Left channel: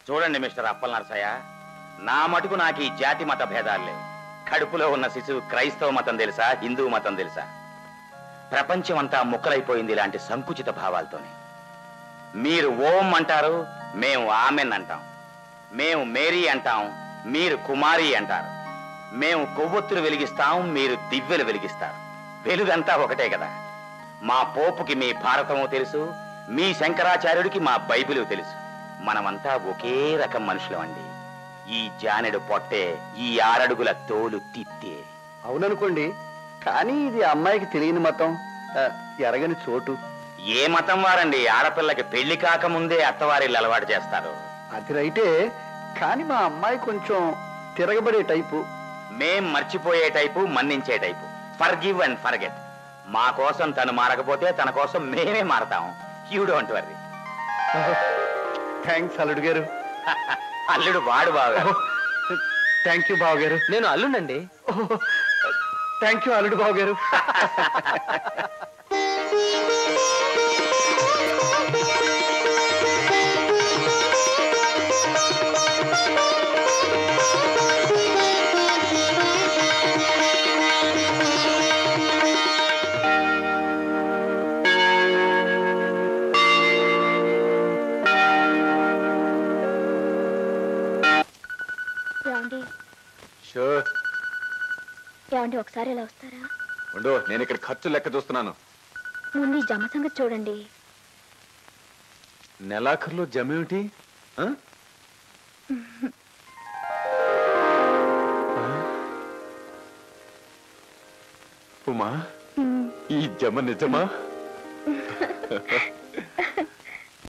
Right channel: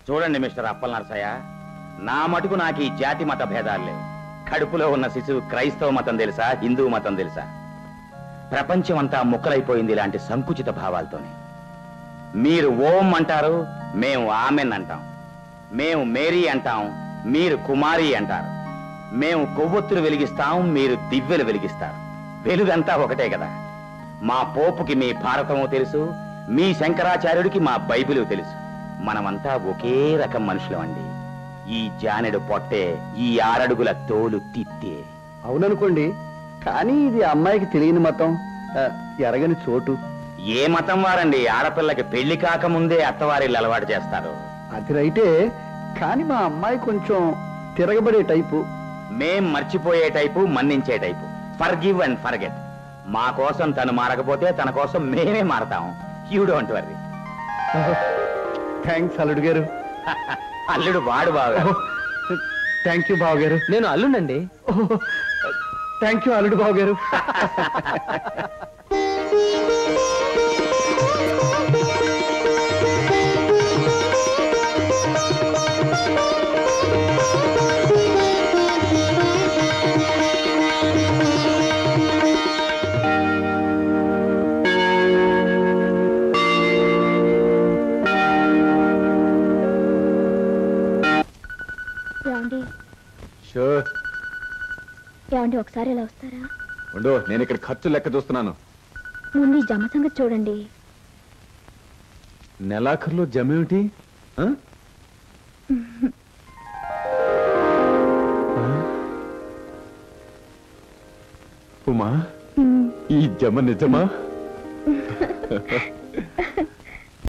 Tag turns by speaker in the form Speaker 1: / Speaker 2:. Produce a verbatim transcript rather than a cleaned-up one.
Speaker 1: చూడండి మిస్టర్ అప్పల్ నరసయ్య, నా మటుకు నాకు ఈ జాతి మత భేదాలు లేవు. కడుపులో ఉన్న శిశువు క్రైస్తవ మతం తెలుసా, హిందూ మతం తెలుసా? ప్రపంచం అంతా ముక్కలైపోయింది ఇలాంటి సంకుచిత భావాలతోనే. మీరు ఓం అంటారు, మేము ఆమెన్ అంటాం. మేము మేరీ అంటాం, మీరు కుమారి అంటారు. మేము కొవ్వొత్తులు వెలిగిస్తాం, మీరు దివ్వెలు వెలిగిస్తారు. వెలుగంతా ఒకటే కదా. మా పోపుకి మీ భారతము తెలుసు, మీ శంకరాచార్యుడికి మా బైబిలు తెలుసు. మనమంతా ఒకే రకం మనుషులం అండి. ఈ జానెడు పొట్టే, ఈ ఆరడుగుల తోలు తిత్తే.
Speaker 2: అవుననుకోండి, కానీ ఇది అమ్మాయికి తెలియని మతం, ఎరగని చోటు.
Speaker 1: ఏ మతం వారండి ఆడపిల్లకి పెళ్లి కాకముందే అత్తవారిల్లు అలవాటు చేస్తారు?
Speaker 2: అది రైటే, కానీ మా అమ్మాయి కొంచెం తిరగబడే టైపు.
Speaker 1: మేం మర్చిపోయే టైపు, మన్నించే టైపు. Forgive and forget. మా కోసం తను మారకపోతే తన కోసం మేమే మారతాం. You don't worry.
Speaker 2: థ్యాంక్స్ అల్లుడు గారు.
Speaker 1: అల్లుడు వాడు బాగా.
Speaker 2: థ్యాంక్ యూ బావ గారు.
Speaker 3: నేను అల్లుండండి.
Speaker 2: థ్యాంక్ యూ అల్లుడు బావ గారు.
Speaker 4: ఏమండి, ఒకసారి ఇలా వస్తారా?
Speaker 5: ఉండు, నేను ఇక్కడ ఖర్చు లెక్క చూస్తున్నాను.
Speaker 4: ముందు ఈ జమ సంగతి చూడండి.
Speaker 5: నెలాఖరులో జమేమిటి? ఉమా, ఈ జమ నిజమా?